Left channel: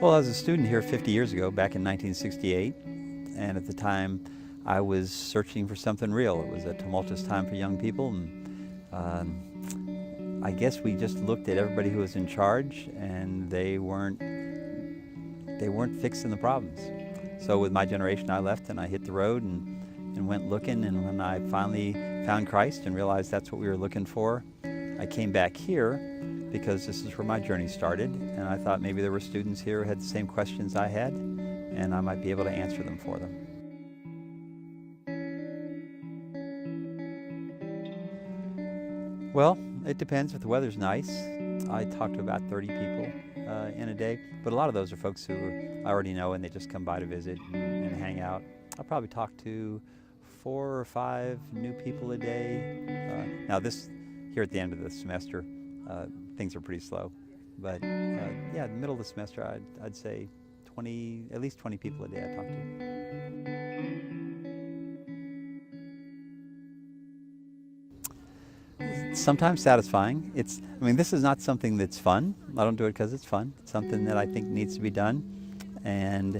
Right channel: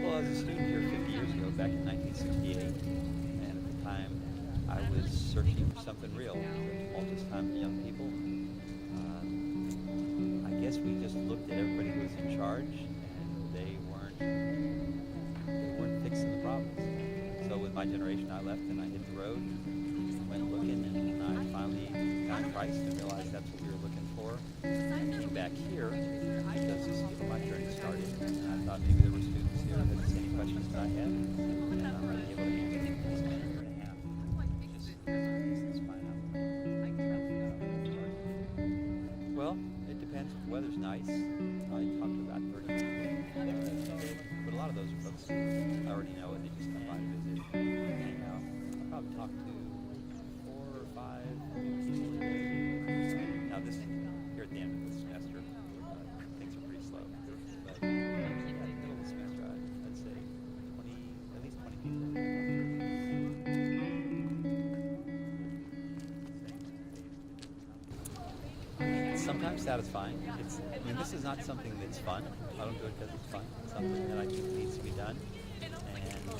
Well, I was a student here 50 years ago, back in 1968, and at the time I was searching for something real. It was a tumultuous time for young people, and I guess we just looked at everybody who was in charge, and they weren't fixing the problems. So with my generation, I left and I hit the road and went looking, and when I finally found Christ and realized that's what we were looking for, I came back here because this is where my journey started, and I thought maybe there were students here who had the same questions I had, and I might be able to answer them for them. Well, it depends. If the weather's nice, I talk to about 30 people in a day, but a lot of those are folks who I already know and they just come by to visit and hang out. I'll probably talk to 4 or 5 new people a day. Now this, here at the end of the semester, things are pretty slow, but yeah, in the middle of the semester, I'd say at least 20 people a day I talk to. Sometimes satisfying. I mean, this is not something that's fun. I don't do it because it's fun. It's something that I think needs to be done, and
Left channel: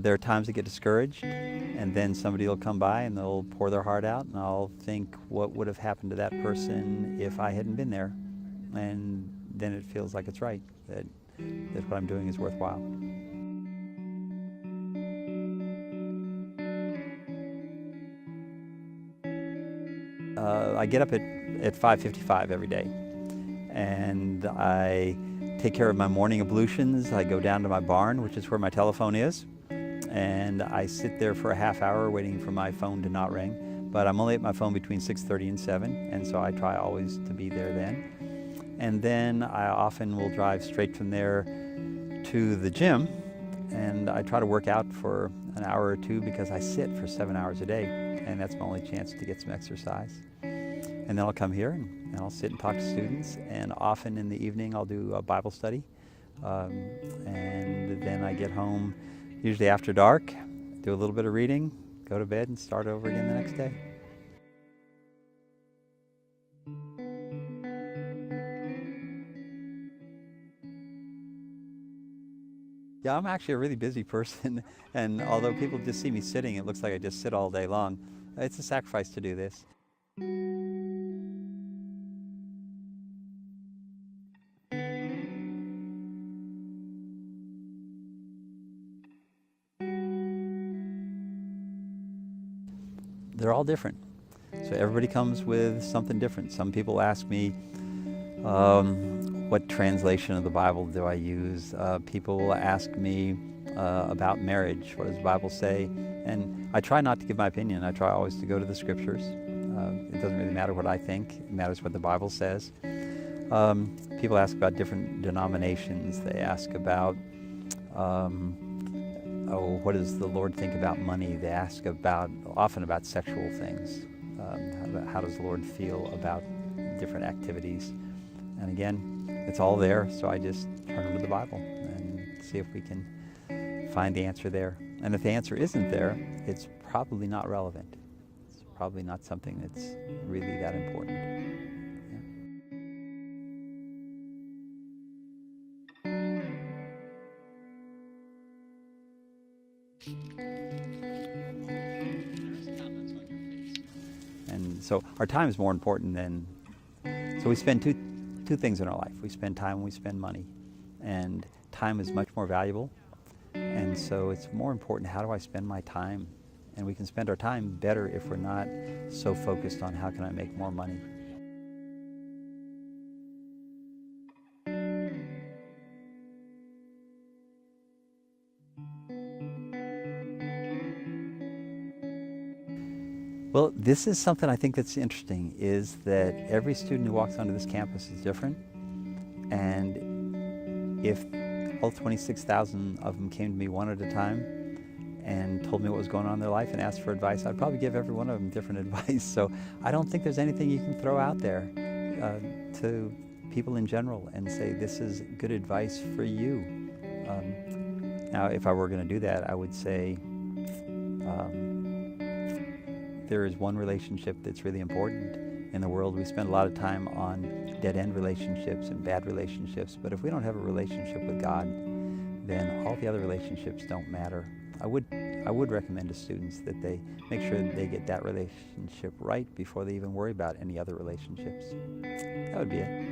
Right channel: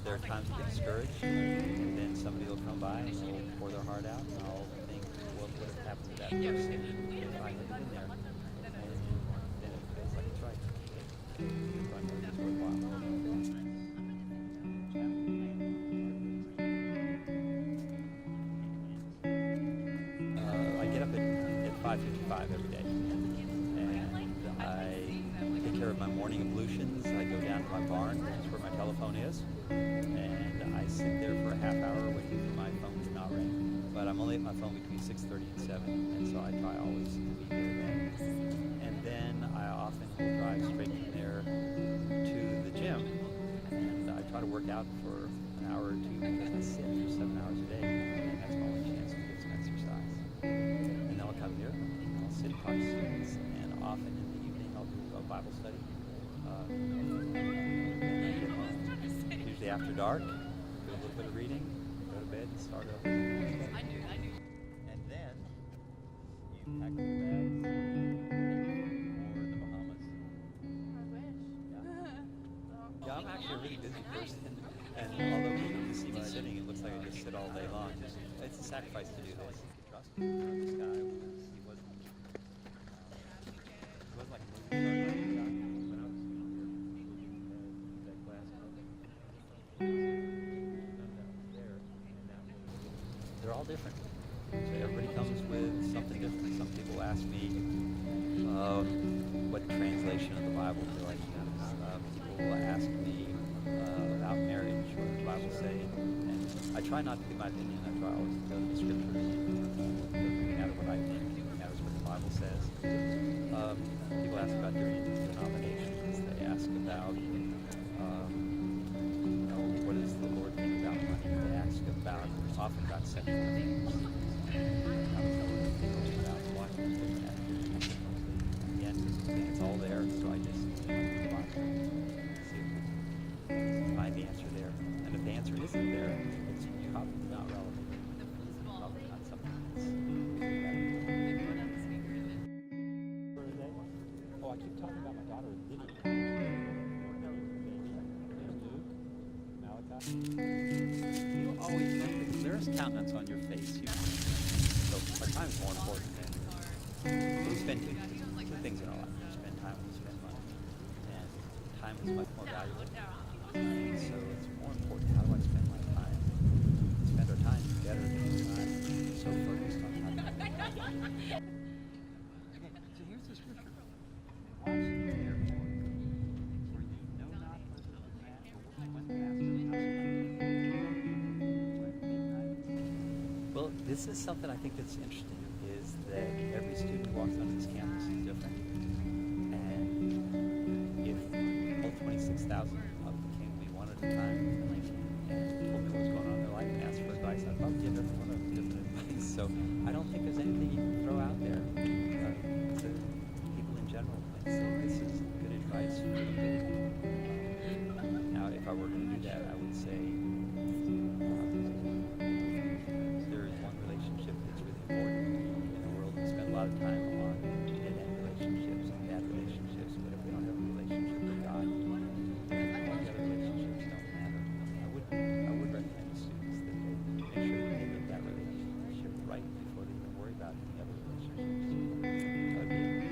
there are times I get discouraged, and then somebody will come by and they'll pour their heart out, and I'll think, what would have happened to that person if I hadn't been there? And then it feels like it's right, that what I'm doing is worthwhile. I get up at 5:55 every day, and I take care of my morning ablutions. I go down to my barn, which is where my telephone is, and I sit there for a half hour waiting for my phone to not ring. But I'm only at my phone between 6:30 and 7, and so I try always to be there then. And then I often will drive straight from there to the gym, and I try to work out for an hour or two because I sit for 7 hours a day, and that's my only chance to get some exercise. And then I'll come here and I'll sit and talk to students, and often in the evening I'll do a Bible study, and then I get home usually after dark, do a little bit of reading, go to bed, and start over again the next day. Yeah, I'm actually a really busy person, and although people just see me sitting, it looks like I just sit all day long. It's a sacrifice to do this. They're all different. So everybody comes with something different. Some people ask me, what translation of the Bible do I use? People will ask me about marriage. What does the Bible say? And I try not to give my opinion. I try always to go to the scriptures. It doesn't really matter what I think. It matters what the Bible says. People ask about different denominations. They ask about, what does the Lord think about money? They ask often about sexual things. About how does the Lord feel about different activities? And again, it's all there, so I just turn to the Bible and see if we can find the answer there. And if the answer isn't there, it's probably not relevant. It's probably not something that's really that important. Oh, I keep talking about my daughter, Lydia. There's countenance on your face. And so our time is more important than... So we spend two things in our life. We spend time and we spend money. And time is much more valuable. And so it's more important, how do I spend my time? And we can spend our time better if we're not so focused on how can I make more money. Well, this is something I think that's interesting, is that every student who walks onto this campus is different. And if all 26,000 of them came to me one at a time and told me what was going on in their life and asked for advice, I'd probably give every one of them different advice. So I don't think there's anything you can throw out there to people in general and say, this is good advice for you. Now, if I were going to do that, I would say, there is one relationship that's really important, in the world. We spend a lot of time on dead-end relationships and bad relationships, but if we don't have a relationship with God, then all the other relationships don't matter. I would recommend to students that they make sure that they get that relationship right before they even worry about any other relationships. That would be it.